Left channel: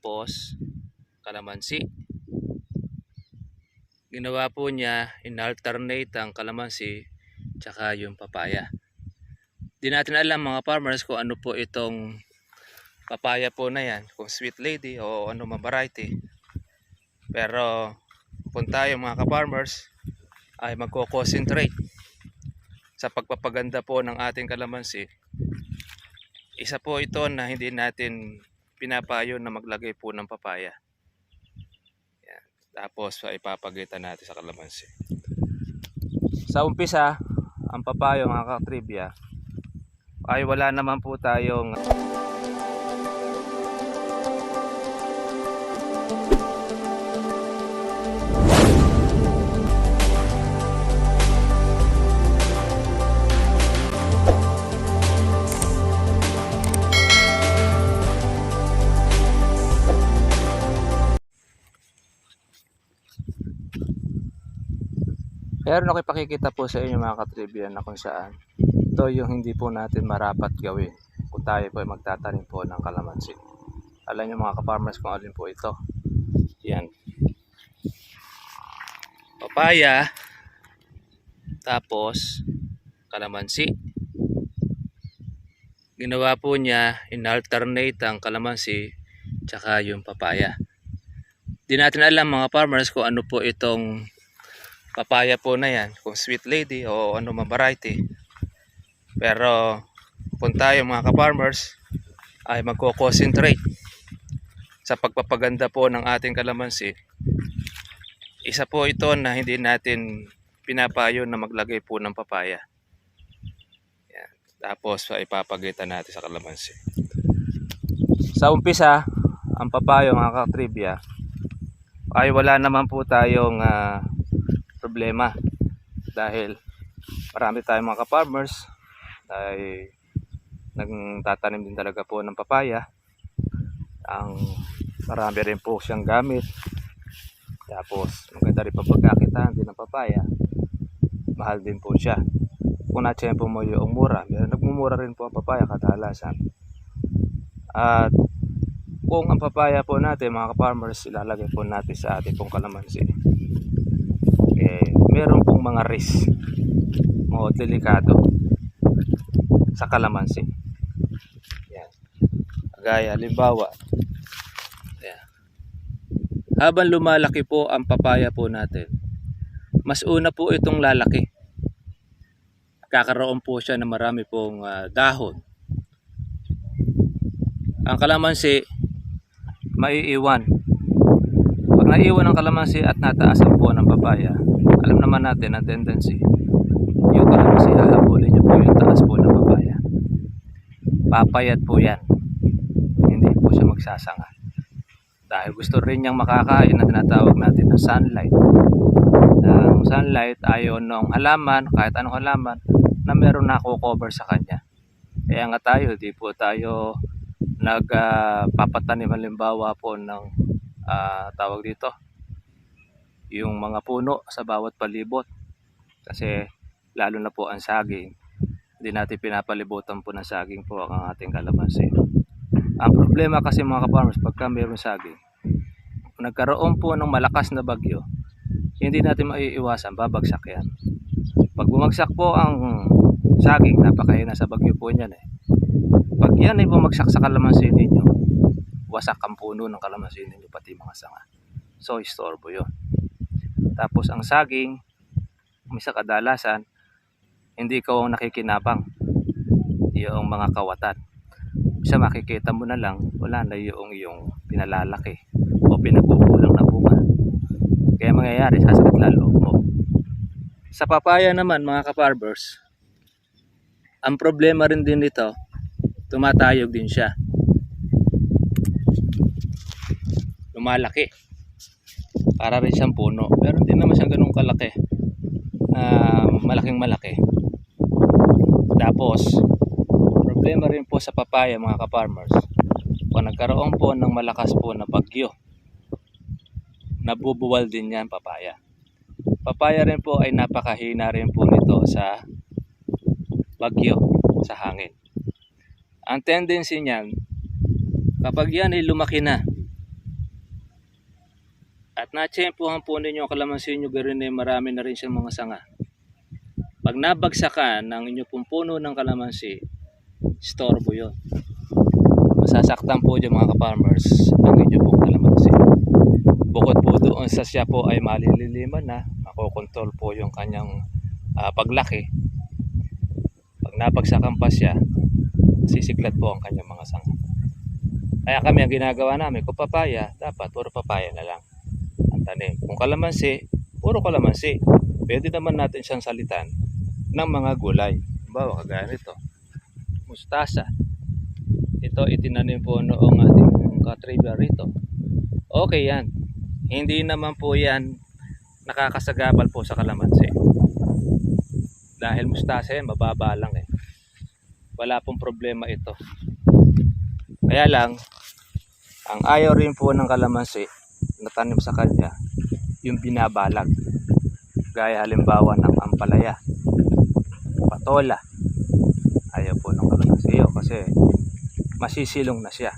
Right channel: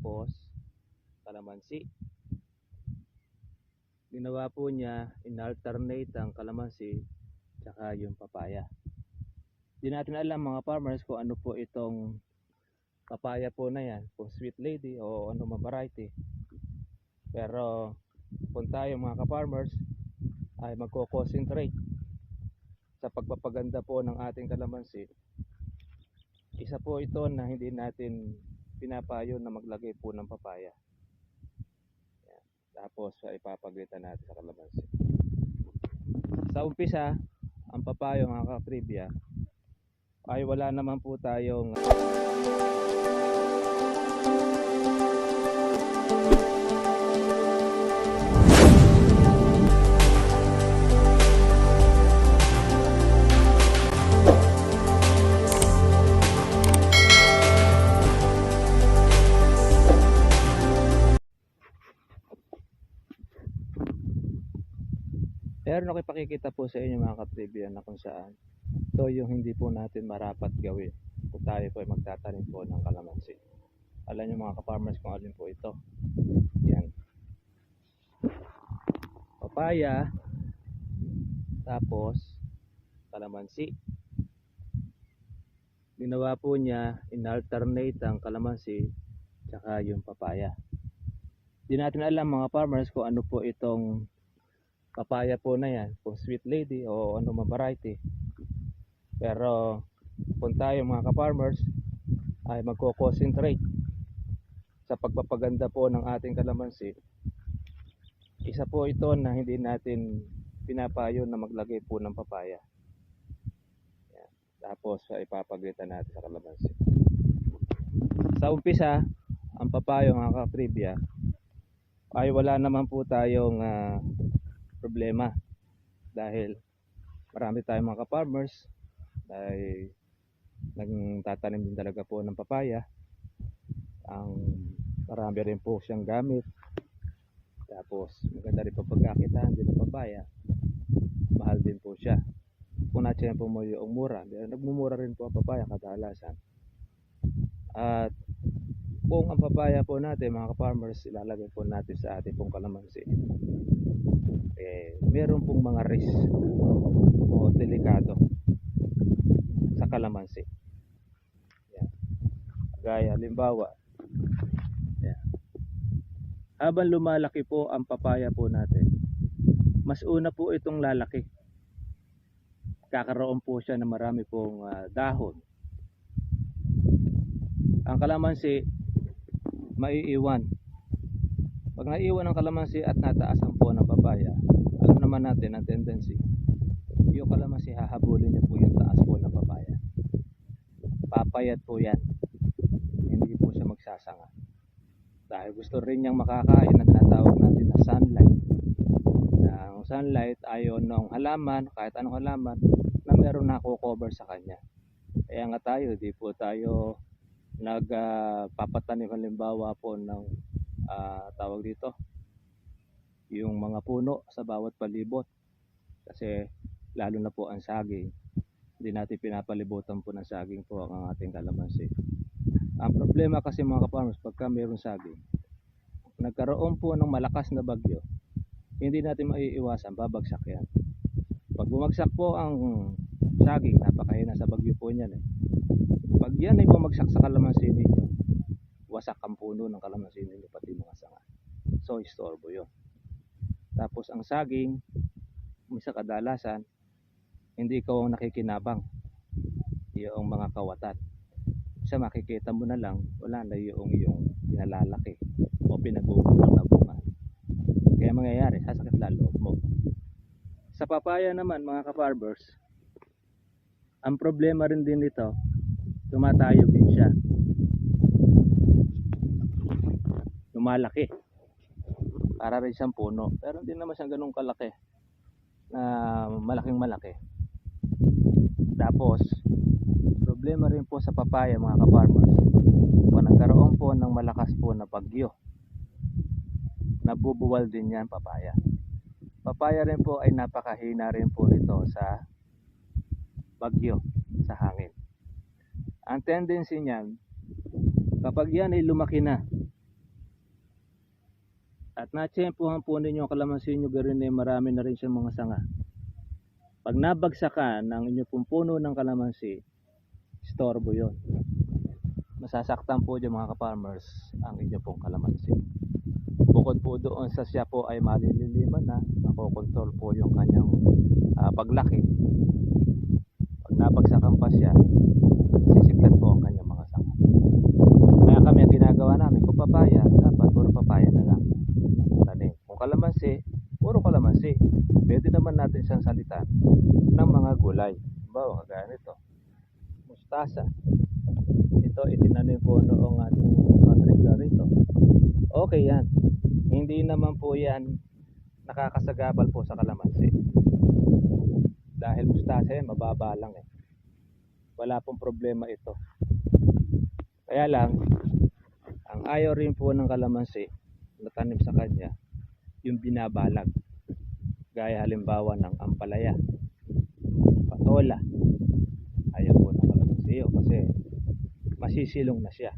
tapos kalamansi. Ginawa po niya, in-alternate ang kalamansi tsaka yung papaya. Di natin alam mga farmers kung ano po itong papaya po na yan, kung sweet lady o ano man variety. Pero kung tayo mga ka-farmers ay magko-concentrate sa pagpapaganda po ng ating kalamansi, isa po ito na hindi natin pinapayo na maglagay po ng papaya. Yan. Tapos ipapagitan natin sa kalamansi. Sa umpisa, ang papaya mga ka-trivia ay wala naman po tayong Pero nakipakikita po sa inyo mga ka-trivia na kung saan ito yung hindi po natin marapat gawin kung tayo po ay magtatanim po ng kalamansi. Alam nyo mga ka-farmers kung alin po ito. Yan. Papaya, tapos kalamansi. Ginawa po niya, in-alternate ang kalamansi tsaka yung papaya. Di natin alam mga farmers kung ano po itong papaya po na yan, kung sweet lady o ano man variety. Pero kung tayo mga ka-farmers ay magko-concentrate sa pagpapaganda po ng ating kalamansi, isa po ito na hindi natin pinapayo na maglagay po ng papaya. Yan. Tapos ipapagitan natin sa kalamansi. Sa umpisa, ang papaya mga ka-trivia ay wala naman po tayong problema dahil marami tayong mga ka-farmers ay nagtatanim din talaga po ng papaya. Ang marami rin po siyang gamit, tapos maganda rin pagkakakitaan din ng papaya. Mahal din po siya kung natsempo mo yung mura. Nagmumura rin po ang papaya kadalasan. At kung ang papaya po natin mga ka-farmers ilalagay po natin sa ating pong kalamansi, meron pong mga risk o delikado sa kalamansi. Yan. Gaya halimbawa, yan. Habang lumalaki po ang papaya po natin, mas una po itong lalaki. Kakaroon po siya ng marami pong dahon. Ang kalamansi maiiwan. Pag naiiwan ang kalamansi at nataasan po ng papaya, alam naman natin ang tendency, yung kalamansi hahabulin niyo po yung taas po ng papaya. Papayat po yan, hindi po siya magsasanga dahil gusto rin niyang makakain na tinatawag natin na sunlight. Ang sunlight ayon ng halaman, kahit anong halaman na meron na cover sa kanya. Kaya nga tayo, di po tayo nagpapatanim halimbawa po ng tawag dito, yung mga puno sa bawat palibot, kasi lalo na po ang saging, hindi natin pinapalibutan po ng saging po ang ating kalamansi. Ang problema kasi mga ka-farmers, pagka mayroong saging, nagkaroon po ng malakas na bagyo, hindi natin maiiwasan, babagsak yan. Pag bumagsak po ang saging, napakahina sa bagyo po niyan Pag yan ay bumagsak sa kalamansi ninyo, wasak ang puno ng kalamansi ninyo, pati mga sanga. So istorbo yun. Tapos ang saging, misa kadalasan, hindi ikaw ang nakikinabang, yung mga kawatan. Misa makikita mo na lang, wala na yung pinalalaki o pinagkukulang na bunga. Kaya mangyayari, sasakit lalo mo. Sa papaya naman mga ka-farmers, ang problema rin din nito, tumatayog din siya. Lumalaki. Para rin siyang puno, pero hindi naman siyang ganun kalaki, malaking malaki. Tapos problema rin po sa papaya mga ka-farmers, kung nagkaroon po ng malakas po na bagyo, nabubuwal din yan papaya. Papaya rin po ay napakahina rin po nito sa bagyo, sa hangin. Ang tendency niyan, kapag yan ay lumaki na, at natsempuhan po ninyo ang kalamansi nyo, garin eh, marami na rin siyang mga sanga. Pag nabagsakan ng inyo pong puno ng kalamansi, istorbo yun. Masasaktan po dyan mga ka-farmers ang inyo pong kalamansi. Bukod po doon sa siya po ay malililiman na, makokontrol po yung kanyang paglaki. Pag nabagsakan pa siya, sisiklat po ang kanyang mga sanga. Kaya kami ang ginagawa namin, kung papaya, dapat puro papaya na lang ang tanim. Kung kalamansi, puro kalamansi. Pwede naman natin siyang salitan ng mga gulay. Bawa kagaya nito, mustasa. Ito itinanim po noong ating katribya rito. Okay yan. Hindi naman po yan nakakasagabal po sa kalamansi. Dahil mustasa yan, mababa lang eh. Wala pong problema ito. Kaya lang, ang ayaw rin po ng kalamansi na tanim sa kanya, yung binabalag. Gaya halimbawa ng ampalaya, patola. Ayaw po ng kalamansi yun kasi masisilong na siya.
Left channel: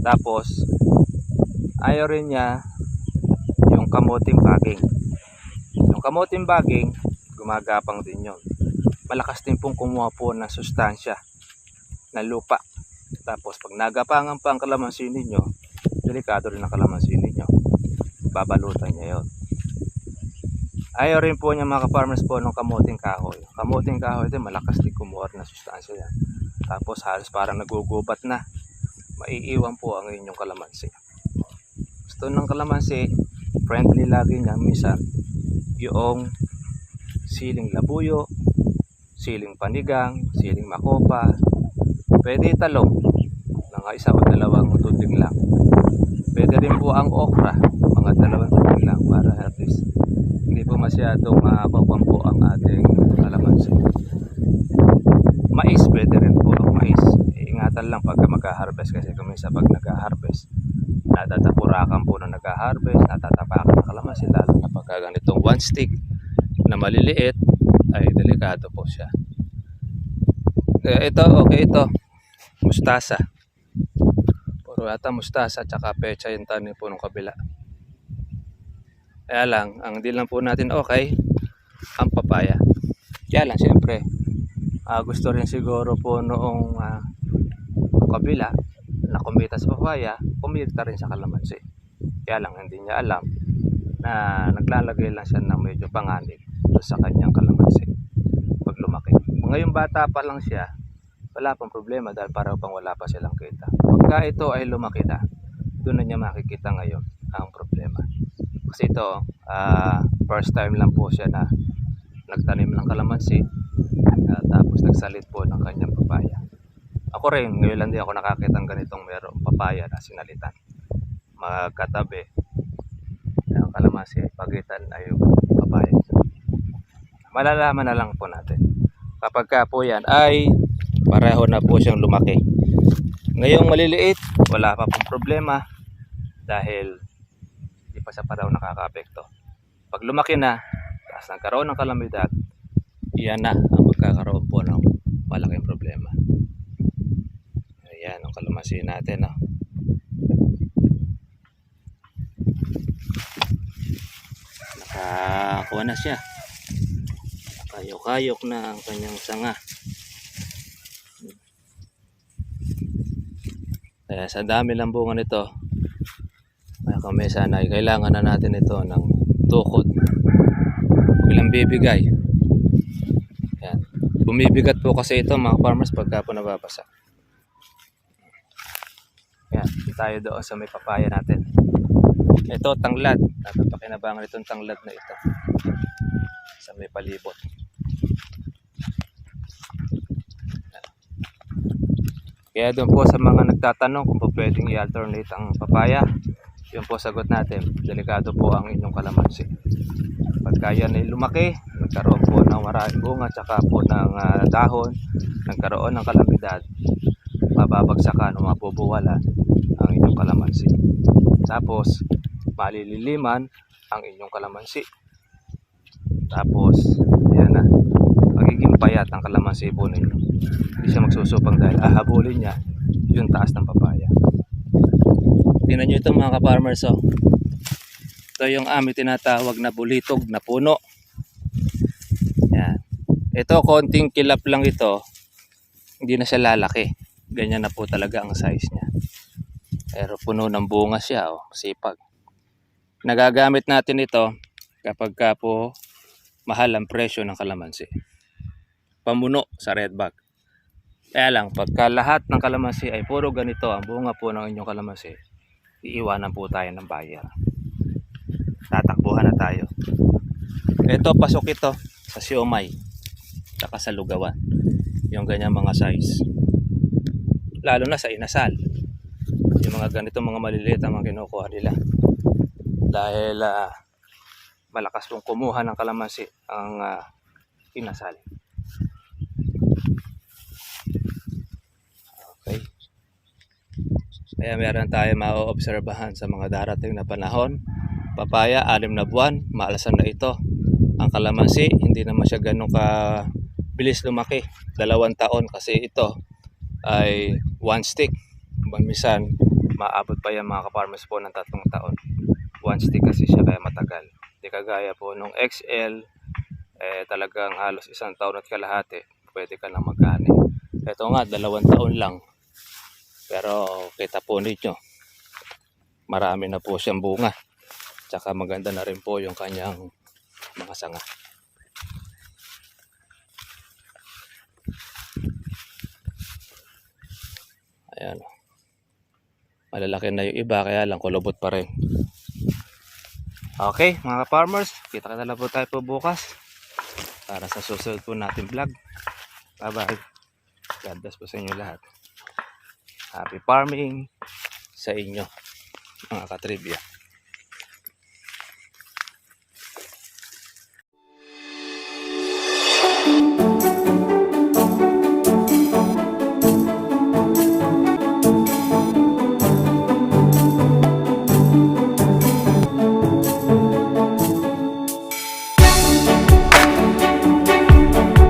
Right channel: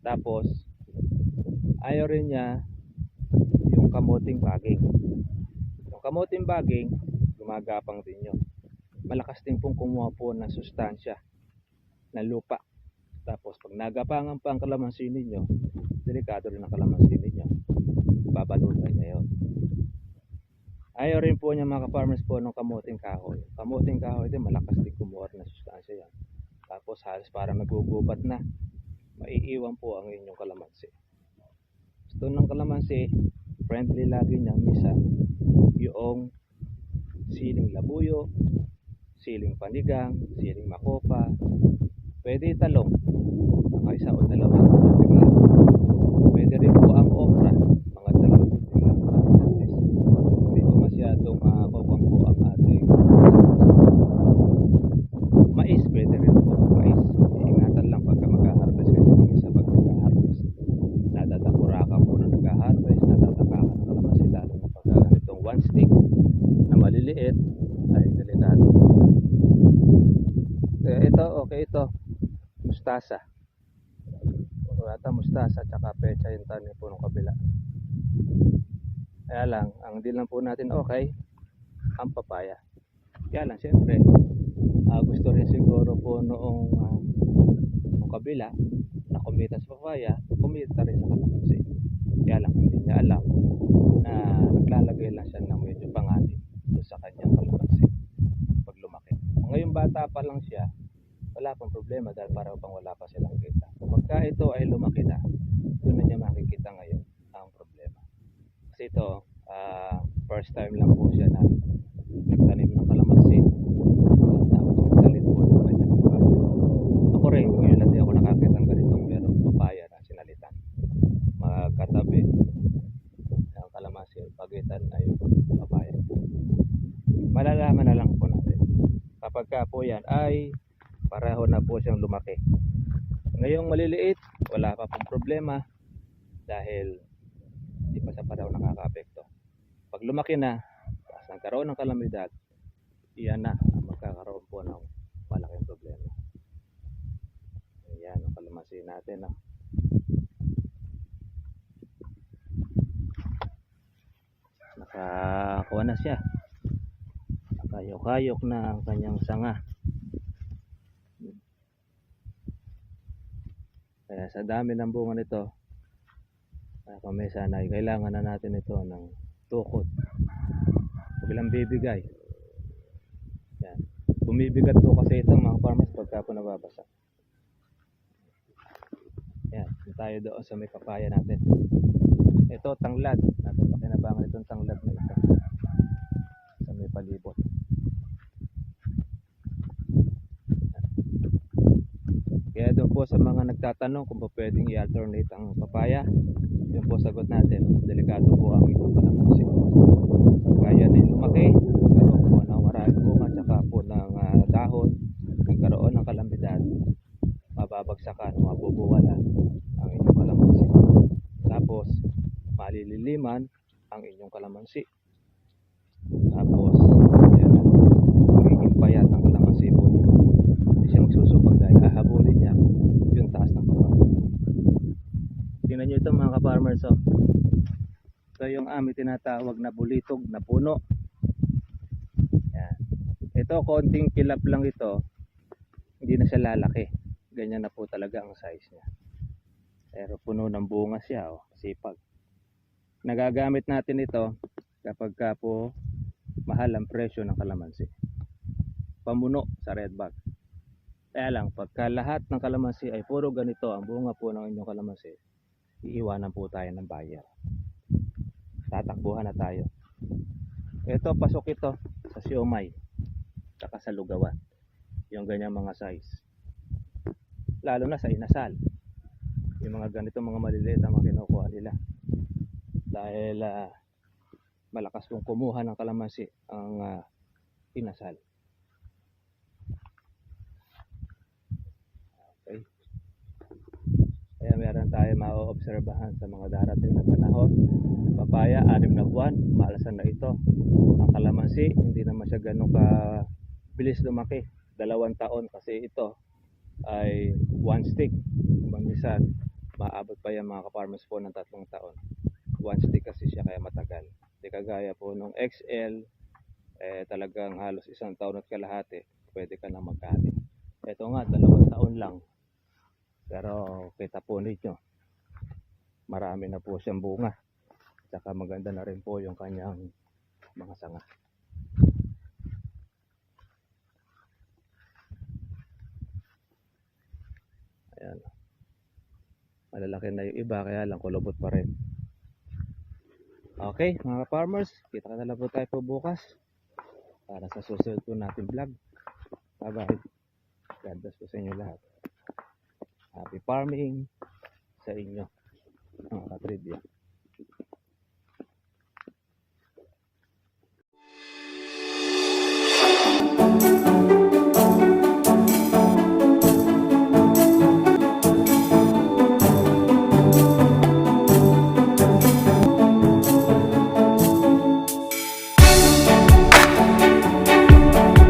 Tapos, ayaw rin niya yung kamuting baging. Yung kamuting baging, gumagapang din yun. Malakas din pong kumuha po ng sustansya na lupa. Tapos pag nagapangan pa ang kalamansi ninyo, delikado rin ang kalamansi ninyo. Babalutan niya yun. Ayaw rin po niya mga ka-farmers po ng kamuting kahoy. Kamuting kahoy din malakas din kumuha ng sustansya yan. Tapos halos parang nagugubat na. Maiiwan po ang inyong kalamansi. Gusto ng kalamansi, friendly lagi niya minsan yung siling labuyo, siling panigang, siling makopa. Pwede talong, mga isa o dalawang tubig lang. Pwede rin po ang okra, mga dalawang tubig lang para at least hindi po masyadong makakapang po ang ating kalamansi. Mais, pwede rin po ang mais. Iingatan lang pagka mag-harvest kasi kung sa pag nag-harvest, natatapurakan po na nag-harvest, natatapakan ng kalamansi lalo na pagka ganitong one stick na maliliit ay delikado po siya. Ito, okay ito. Mustasa. Puro yata mustasa tsaka pecha yung tanim po ng kabila. Kaya lang, ang di lang po natin okay, ang papaya. Kaya lang siyempre, gusto rin siguro po noong kabila na kumita sa papaya, kumita rin sa kalamansi. Kaya lang hindi niya alam na naglalagay lang siya ng medyo panganib sa kanyang kalamansi pag lumaki. Ngayong bata pa lang siya, wala pang problema dahil para pang wala pa silang kita. Pagka ito ay lumaki na, doon na niya makikita ngayon ang problema. Kasi ito, first time lang po siya na nagtanim ng kalamansi, tapos nagsalit po ng kanyang papaya. Ako rin, ngayon lang di ako nakakita ng ganitong merong papaya na sinalitan. Magkatabi, ang kalamansi ay pagitan ay yung papaya. Malalaman na lang po natin. Kapag ka po yan ay pareho na po siyang lumaki. Ngayong maliliit, wala pa pong problema dahil hindi pa sa pareho nakaka-apekto. Pag lumaki na, tapos nagkaroon ng kalamidad, iyan na ang magkakaroon po ng malaking problema. Ayan ang kalamansi natin. No? Nakakuha na siya. Kayok-kayok na ang kanyang sanga. Kaya sa dami lang bunga nito, kaya kami sana ay kailangan na natin ito ng tukod. Ilang bibigay. Yan. Bumibigat po kasi ito mga farmers pagka po nababasa. Yan. Tayo doon sa may papaya natin. Ito tanglad. Napapakinabangan itong tanglad na ito. Sa may palibot. Kaya doon po sa mga nagtatanong kung po pwedeng i-alternate ang papaya, yun po sagot natin, delikado po ang inyong kalamansi. Pagka yan ay lumaki, nagkaroon po ng maraming bunga, tsaka po ng dahon, nagkaroon ng kalamidad, mababagsakan o mapubuwalan ang inyong kalamansi. Tapos, malililiman ang inyong kalamansi. Tapos, yan na, magiging payat ang kalamansi po ninyo. Hindi siya magsusupang dahil ahabulin niya yung taas ng papaya. Tingnan nyo ito mga ka-farmers. Oh. Ito yung aming tinatawag na bulitog na puno. Yan. Ito konting kilap lang ito. Hindi na siya lalaki. Ganyan na po talaga ang size niya. Pero puno ng bunga siya, oh, sipag. Nagagamit natin ito kapag ka po mahal ang presyo ng kalamansi. Pamuno sa red bag. Kaya lang, pagka lahat ng kalamansi ay puro ganito ang bunga po ng inyong kalamansi, iiwanan po tayo ng buyer. Tatakbuhan na tayo. Ito, pasok ito sa siomay, saka sa lugawan. Yung ganyan mga size. Lalo na sa inasal. Yung mga ganito, mga maliliit ang mga kinukuha nila. Dahil malakas pong kumuha ng kalamansi ang inasal. Okay. Kaya meron tayo maoobserbahan sa mga darating na panahon. Papaya, 6 na buwan, maalasan na ito. Ang kalamansi, hindi naman siya ganun ka bilis lumaki. 2 taon kasi ito ay 1 stick. Minsan, maabot pa yan mga ka-farmers po ng 3 taon. 1 stick kasi siya kaya matagal. Di kagaya po nung XL, talagang halos 1 taon at kalahati, pwede ka na magkani. Ito nga, 2 taon lang. Pero kita po ninyo, marami na po siyang bunga. Tsaka maganda na rin po yung kanyang mga sanga. Ayan. Malalaki na yung iba, kaya lang kulubot pa rin. Okay mga farmers, kita na lang po tayo po bukas para sa susunod po natin vlog. Bye bye. God bless po sa inyo lahat. Happy farming sa inyo mga katribya.